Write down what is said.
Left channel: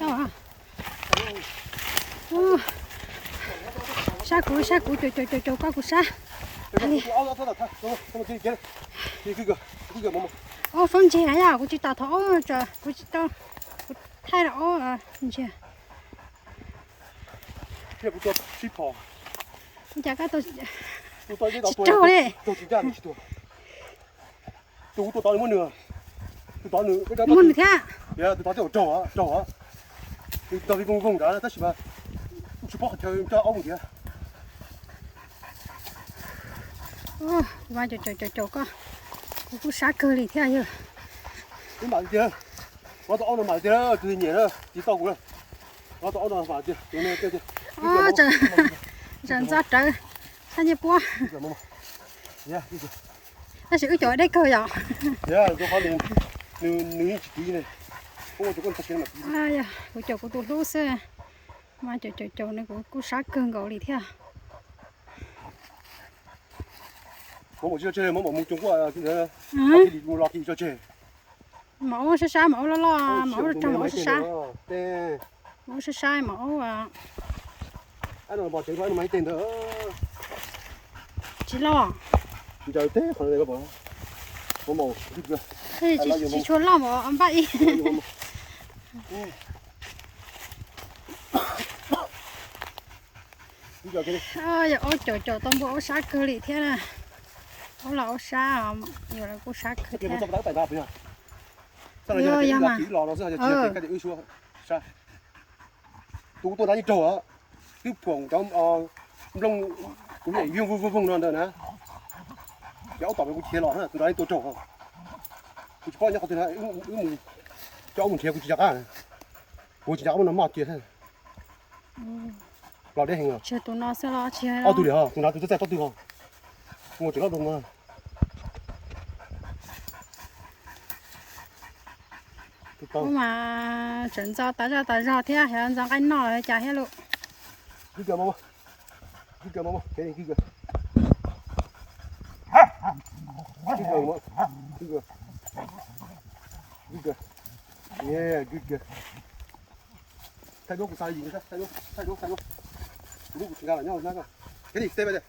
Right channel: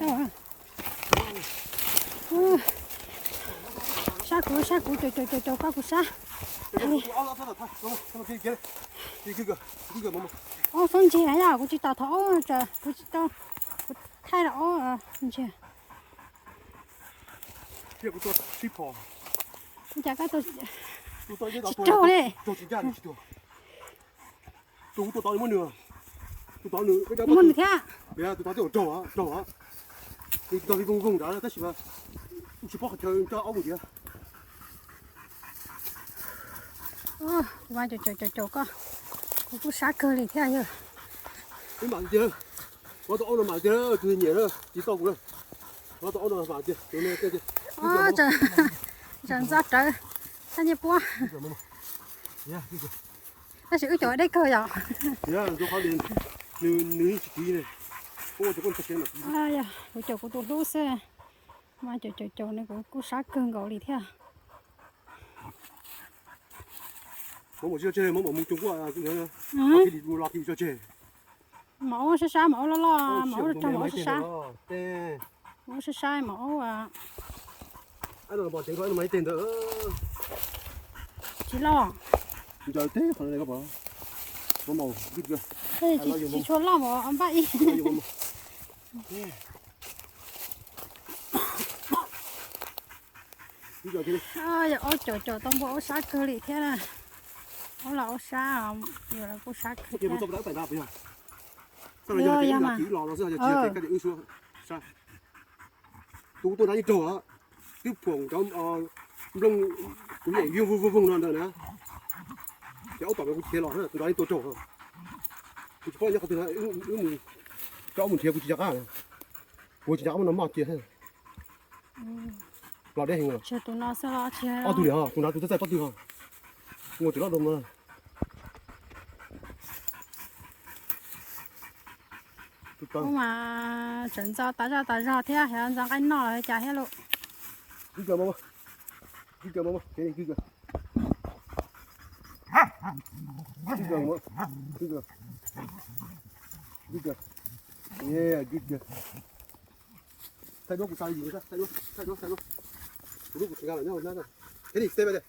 Đâu à? Sa cú chỗ có cú sa. Ô phân chia hay à? Cú chỉ tao thổ chờ, cú chỉ tao thay đó à, chưa? Chả cái tôi trâu đi. Muốn thế à? Yeah, tôi tao trâu á. Tôi tao đi vùng đó, tất nhiên chỉ bỏ cho ông kìa. Ô, qua chỗ có. Cú sa cơ đi thế à giờ. Cái mà chưa, tôi ông mà chưa, tôi nhớ rồi, chỉ tao cũng, tôi ông mà chưa, tôi này cái gì. Ô trời, trời ra trời, sao như búa. Yeah, Nó sẽ chỗ đây cơ rồi. yeah, tôi phát hiện nữ chỉ tí này, cô chú con phát hiện mà tí. À dạ, chỗ của tôi lú xe, mà chỗ này cũng sát cơn gạo đi theo. Có một chiếc chơi, một Trung Quốc cái thì đi lo cho chơi. Mẫu sẽ sai mẫu lo mẫu trong mẫu sẽ sai. Tê. Mẫu sẽ sai mẫu à. Anh nói bỏ tiền thôi, nó mấy tiền đó. Chỉ lo. Giờ thế phần này có bỏ. Có màu. Thế chỉ chuột lo mà ông bậy. Ôi giờ chỗ tông bộ sát cơ lì thế này. Đó là ô sa giờ là cô sát cơ. Cái một tấm tại ba bây giờ. Sao lại giờ cái là chỉ lò nó sẽ chia cái ư xuống. Sao? Tôi đã đi trổ á. Tiếp phồng trong lông cũng vậy vuông luôn rồi nè. Kéo tỏ cái chia lò nữa, tôi đã đi tôi trổ. Tôi có nhắc tôi nói cho mình chia cũng chỉ chắc à. Tôi chỉ chắc nó mọt kia thôi. Lò đây hình à? Chưa tụi nó sẽ lo chia. Tôi đi hả? Tôi nói tôi sẽ có từ hả? Ngồi chỗ đó đông mà. Nhưng mà chuyển giao tại sao thế hiện ra cái nọ chả hết luôn. Cái kìa mama. Cái kìa mama. Cái kìa. Cái kìa mama. Cái kìa. Cái kìa. Yeah, good kìa. Thay đồ của sai gì nữa? Thay đồ. Lúc của chúng ta là nhau. Cái gì? Stay bây giờ.